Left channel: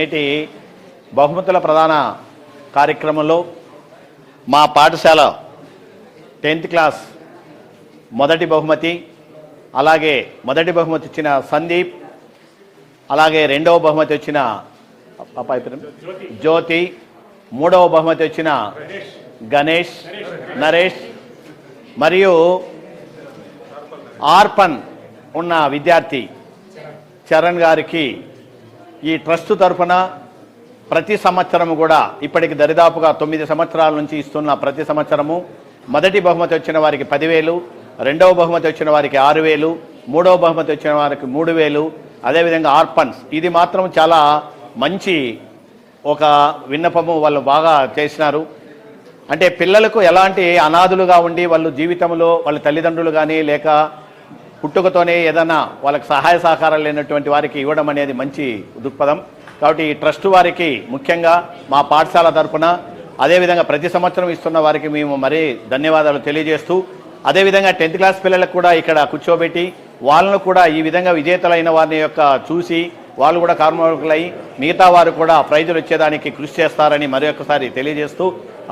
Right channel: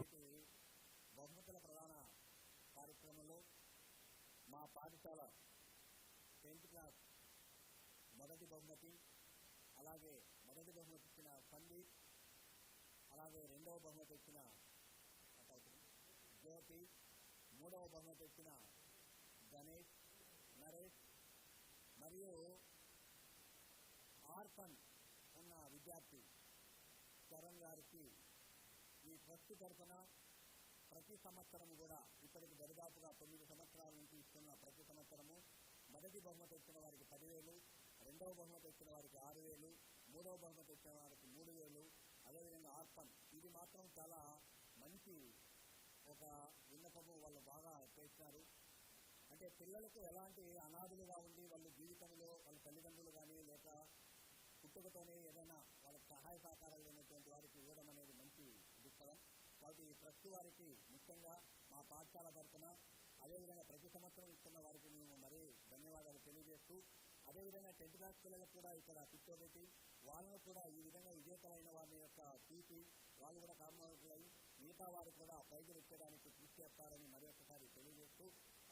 నేటి బహుమతుల ప్రధాన కార్యక్రమంలో మా పాఠశాల టెన్త్ క్లాస్ మొదటి బహుమతి అలాగే మొదటి బహుమతి ఇచ్చిన సందీప్ అలాగే రెండవ బహుమతి వచ్చిన జ్యోతి మూడవ బహుమతి వచ్చిన గణేష్ నరేష్ మరియు ఆర్పన్ ఉన్న విద్యార్థి చరణ్ గారికి ఈ ట్రస్ట్ తరఫున ప్రతి సంవత్సరము కూడా ఇప్పటికి దరిదాపుగా తొమ్మిది సంవత్సరాల నుంచి ఇస్తున్న ప్రతి సంవత్సరము మొదటి బహుమతి వచ్చిన వారికి పదివేలు రెండవ బహుమతి వచ్చిన వారికి ఆరు వేలు మూడవ బహుమతి వచ్చిన వారికి మూడు వేలు అదేవిధంగా ఆర్పన్స్. ఇది మాత్రం చాలా మంచి ఒక విన్నపము వాళ్ళు బాగా చేసినారు. అంటే పిల్లలకు ఎలాంటి అనాథులుగా ఉండి వాళ్ళు జీవితంలో వాళ్ళ తల్లిదండ్రులు కానీ లేక పుట్టుకతోనే ఏదైనా వాళ్ళకి సహాయ సహకారాలు లేనటువంటి వారికి ఇవ్వడం అనేది మంచి దృక్పథం. కాబట్టి ఈ ట్రస్ట్ వారికి ముఖ్యంగా మా పాఠశాల తరఫున అదేవిధంగా ప్రతి సంవత్సరం ఇస్తున్న వారికి మేము మరీ ధన్యవాదాలు తెలియజేస్తూ అదేవిధంగా టెన్త్ క్లాస్ పిల్లలకు కూడా ఇక్కడ కూర్చోబెట్టి వాళ్ళను కూడా ఈ విధంగా విజేతలైన వారిని యొక్క చూసి వాళ్ళు కూడా కార్మికులై మిగతా వారు కూడా ప్రైజులు వచ్చేదానికి కృషి చేస్తారని మరొకసారి తెలియజేస్తూ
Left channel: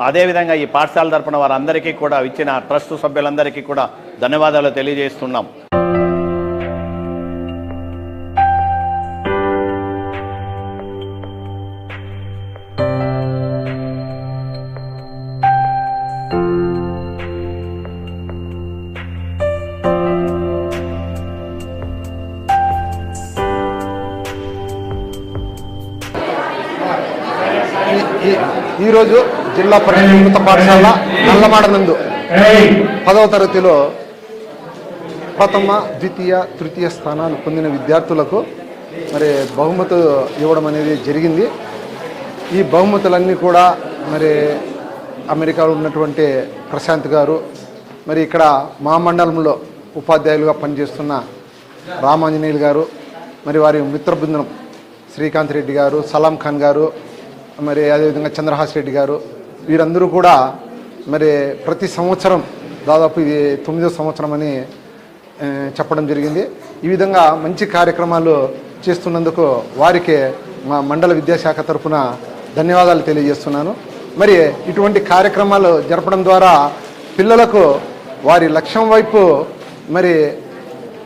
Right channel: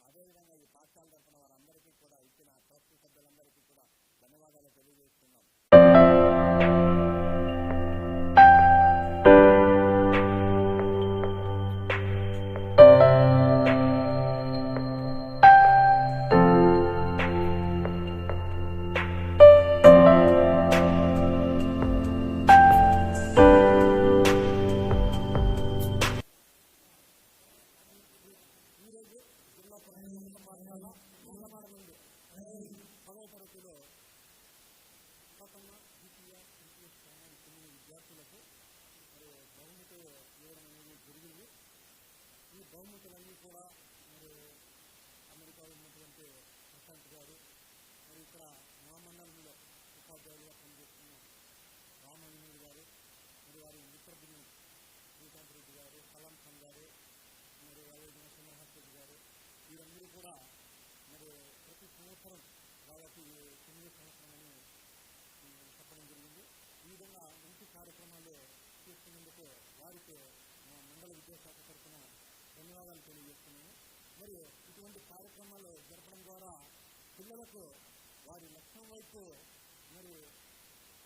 అదేవిధంగా ఈ పాఠశాల తరపున వారందరికీ కూడా ఇచ్చిన ట్రస్ట్ సభ్యులందరికీ కూడా ధన్యవాదాలు తెలియజేస్తున్నాం. ఈరోజు జిల్లా ఉన్నత పాఠశాల నల్లమాడ నందు పదవ తరగతిలో ప్రథమ ద్వితీయ తృతీయ స్థానాలు పొందిన విద్యార్థులకు మరి బహుమతి ఇవ్వడం అనేది జరిగింది. ఈ బహుమతులన్నీ కూడా మరి అమెరికాలో ఉన్నటువంటి ప్రశాంత్ గారు మరి ఇక్కడ మా మండలంలో ఉపాధ్యాయులుగా పనిచేస్తున్న రామాంజనేయులు గారు మరి వారి మిత్ర బృందం శ్రీకాంత్ రెడ్డి గారు సలాం ఖాన్ గారు మరి అదేవిధంగా చంద్రహాస్ రెడ్డి గారు వీరందరూ కూడా మరి ప్రతి సంవత్సరం దాదాపు ఇది తొమ్మిదో సంవత్సరం అని చెప్పడం జరిగింది. ఈ విధంగా మంచి కార్యక్రమాలు చేస్తున్నందుకు వారికి మా మండల విద్యాశాఖ తరఫున ధన్యవాదాలు తెలియజేస్తున్నాను. మరి ఇటువంటి కార్యక్రమాలు జరపడం ద్వారా పిల్లలకు వారి లక్ష్యం వైపు మరి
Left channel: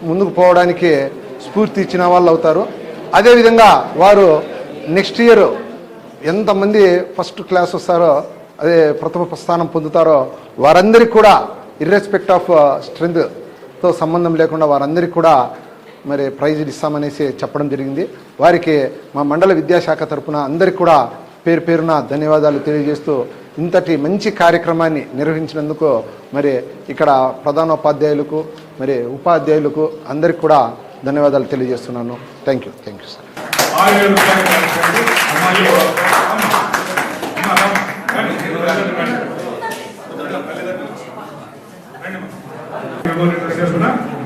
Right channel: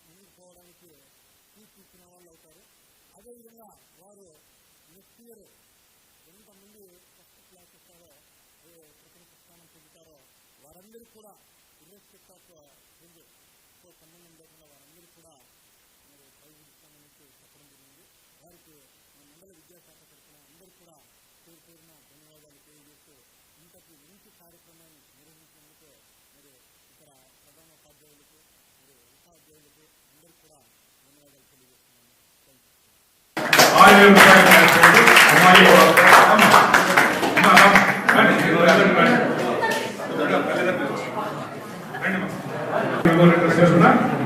ముందుకు పోవడానికి స్ఫూర్తి ఇచ్చిన వాళ్ళు అవుతారు అదేవిధంగా వారు నెక్స్ట్ ఇయర్ ఎంతమంది ఫస్ట్ క్లాస్ వస్తారో అదే ప్రథమ స్థానం పొందుతారో వారందరికీ కూడా ఇర్రెస్పెక్ట్ ఆఫ్ స్ట్రెంగ్త్తో సంబంధం లేకుండా వారందరికీ కూడా మరి ప్రైజులు ఇస్తామనేసి చెప్పడం జరిగింది. వారికి మా మండల విద్యాశాఖ తరఫున అందరికీ కూడా పేరు పేరున ధన్యవాదాలు తెలియజేస్తూ ఇంతటి మంచి కార్యక్రమాన్ని నిర్వహించినందుకు మరి ఇక్కడ ప్రధానోపాధ్యాయులకు మరి ఉపాధ్యాయులకు అందరికీ కూడా ధన్యవాదాలు తెలియజేస్తున్నాను. Thank you thank you sir ఆరు అమ్మాయి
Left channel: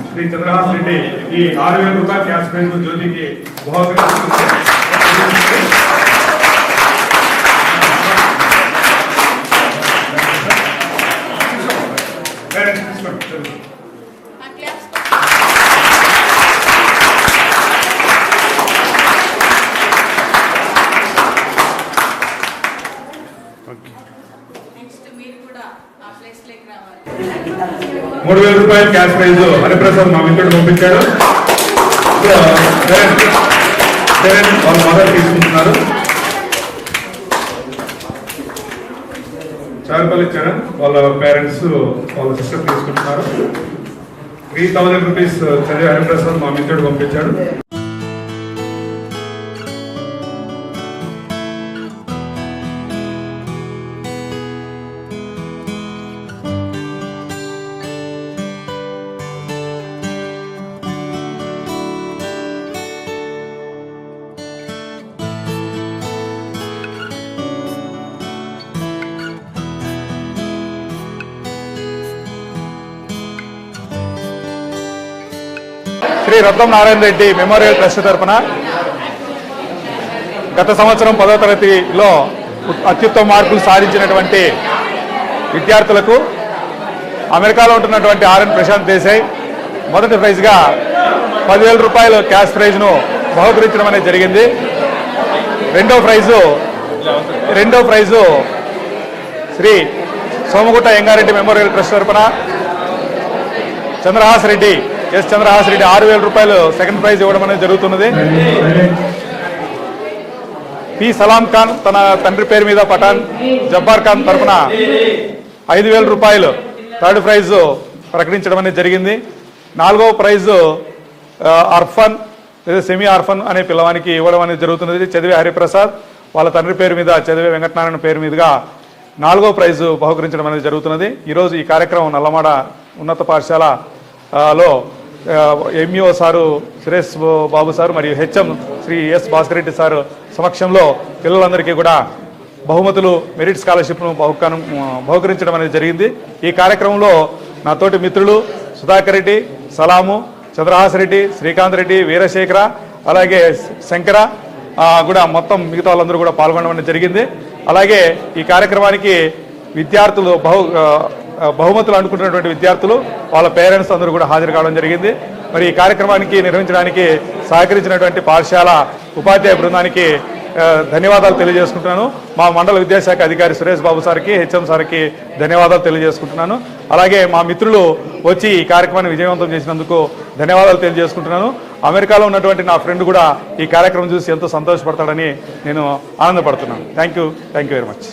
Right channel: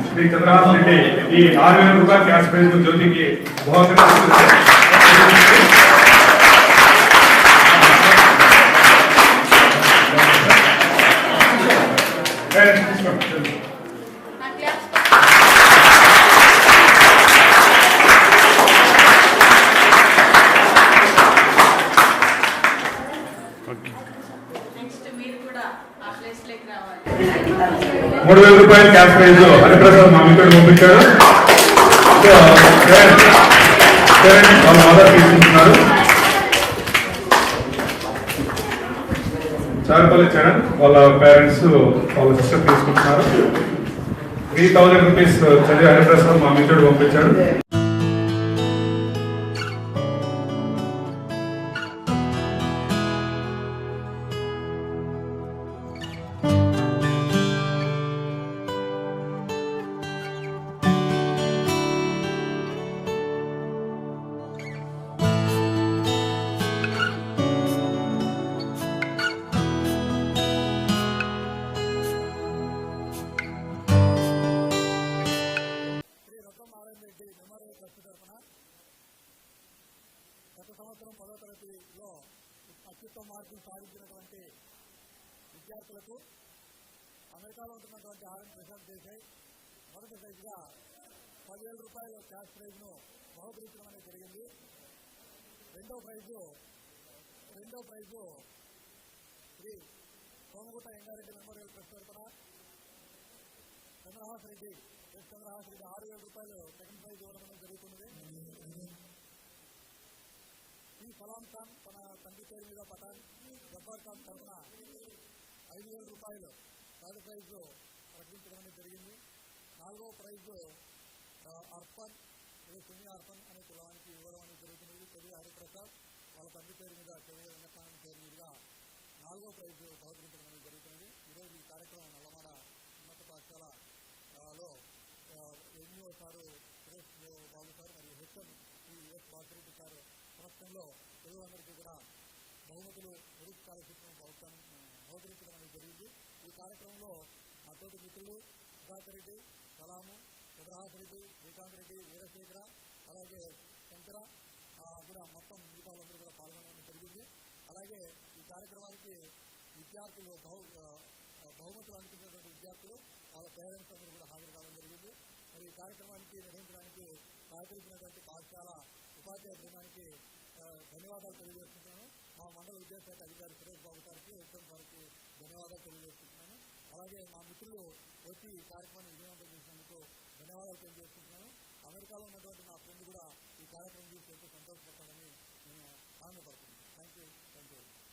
శ్రీ చంద్రహాస్ రెడ్డి ఈ ఆరు వేల రూపాయల క్యాష్ ప్రైజ్ జ్యోతికి నెక్స్ట్ మీరు కూడా ఆ ప్లేస్లోకి రావాలి మూడు వేల రూపాయలు క్యాష్ ప్రైజ్ హరిప్రసాద్ మా ఇక్కడ పంపించారు. వాళ్ళ మదర్ తీసుకుంటున్నారు. చారుపల్లి చరణ్ వాళ్ళ పేరెంట్స్ వాళ్ళ సిస్టర్ తీసుకుంటున్నారు. త్రీ థౌజండ్ రూపీస్ చదివి హరిప్రసాద్ మా మిత్రుడు పంపించాడు శ్రీ రత్నం నారాయణ రెడ్డి మెమోరియల్ ట్రస్ట్ తరఫున గత సంవత్సరం పదో తరగతిలో అత్యుత్తమ మార్కులు సాధించినటువంటి విద్యార్థులకు అమెరికాలో ఉంటున్నటువంటి ఆర్ఎన్ ప్రశాంత్ దేశాయ్ మొదటి ప్రైజ్గా పదివేల రూపాయల క్యాష్ ప్రైజ్ను బహుకరించడం అనేది జరిగింది. రెండో ప్రైజు రెండో prize Shri Somagutta Yengareddy memorial trust తరపున చంద్రహాస్ రెడ్డి ఎస్ చంద్రహాస్ రెడ్డి ఆరు వేల రూపాయలు సెకండ్ ప్రైజ్ ఇవ్వడం అనేది జరుగుతున్నది. పి సలాం ఖాన్ తన తండ్రి పేరు మీద పఠాన్ జబ్బార్ ఖాన్ తరపున ఐదు వేల రూపాయలు థర్డ్ ప్రైజ్ ప్రకటించడం అనేది జరిగింది. నాలుగవ ప్రైజ్ అర్ఫన్ లేదా సెమీ అర్ఫన్ అనే పిల్లవానికి ఇవ్వడం అనేది జరుగుతున్నది. చదివే హరిప్రసాద్ వాళ్ళ తండ్రి పేరు మీద చదివే వెంకటనారాయణ పేరు మీదుగా నాలుగో ప్రైజు బహుకరించడం అనేది జరుగుతున్నది. ఈరోజు ఈ కార్యక్రమం నల్లమాడ ఉన్నత పాఠశాల లో MEO sir Suresh Babu sir మరియు HM Shri S Bhaskar Reddy sir సమక్షంలో పిల్లలందరికీ కూడా బహుమతులు మెరిట్ స్కాలర్షిప్ను బహుకరం బహుకరించడం అనేది జరిగింది. ఈ కార్యక్రమంలో నా తోటి మిత్రులు సుధాకర్ రెడ్డి సలాము చంద్రహాస్ రెడ్డి శ్రీకాంత్ రెడ్డి వీరశేఖర అలాగే శంకర కూడా మొత్తం మిగతా వాళ్ళందరూ కూడా పాల్గొనడం అనేది జరిగింది. అలాగే ఈ కార్యక్రమానికి విద్యార్థులు బహు బహుమతులు అనుకుంటున్నటువంటి విద్యార్థులు వాళ్ళ పేరెంట్స్ అందరూ కూడా హాజరు కావడం జరిగింది. మరి ఈ కార్యక్రమానికి నిర్వహించడానికి సహకరించినటువంటి పాఠశాల ఉపాధ్యాయ బృందానికి ధన్యవాదాలు తెలియజేసుకుంటున్నాను. మా మండల విద్యాశాఖ అధికారి సురేష్ బాబు సార్కి హెచ్ఎం సార్కి ధన్యవాదాలు తెలియజేసుకుంటున్నాను. అలాగే మా మిత్రులు వచ్చి ఈ కార్యక్రమాన్ని విజయవంతం చేసినందుకు ధన్యవాదాలు తెలియజేసుకుంటున్నాను. అమెరికాలో ఉన్నటువంటి నా ఫ్రెండ్ కూడా ఈ కార్యక్రమం చూసి ఎంతో సంతోషపడతాడని నేను ఆనందపడుతున్నాను. Thank you thank you very much